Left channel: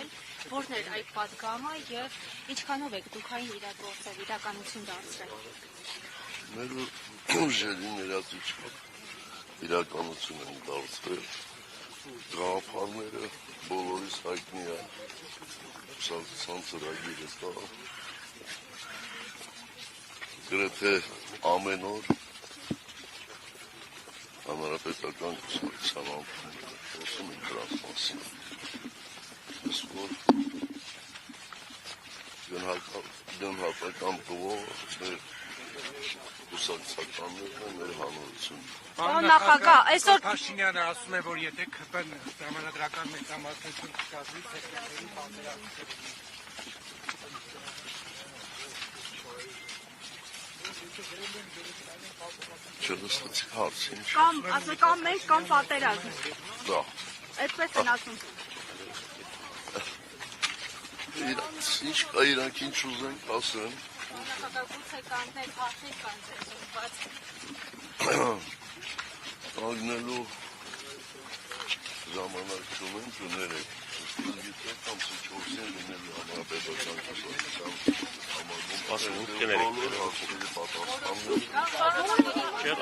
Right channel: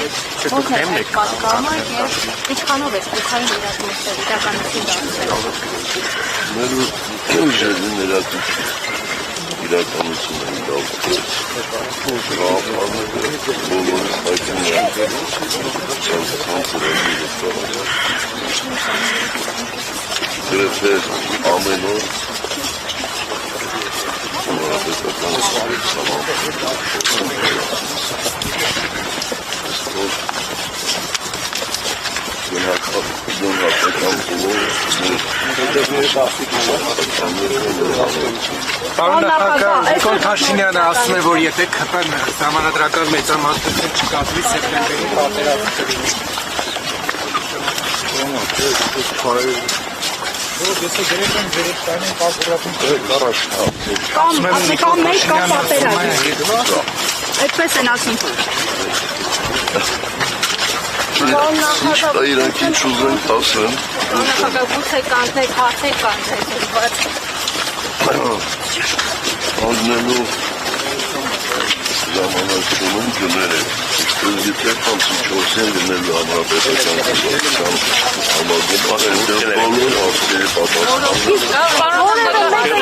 ո՞րն է պատկամը եւ ինչքանով է սպուխային իրականություն դարձել։ Մեր ուժերին իրականություն են դարձել։ Բոլորս հայտնում են գրեթե ամեն օր Պարոն նախագահ, Նիկոլ Փաշինյանը ասում է, որ եթե ԿՊ-ն ժամանակական մեծամասնություն չկազմի, սեպտեմբերին պատերազմ կլինի։ Կամ մեկ կամ պատերազմ։ Այդպես են ասում։ Ճիշտ է, իրանք ինչ ուզեն ասեն։ Նախագահ, գուցե կանցեք, հարցեք կանցեք, բայց Աննելու ժամանակ չունեն գները, գիտեք 54-ին գնելու համապետական համագում, այնտեղ բոլոր ասկերի պատասխանները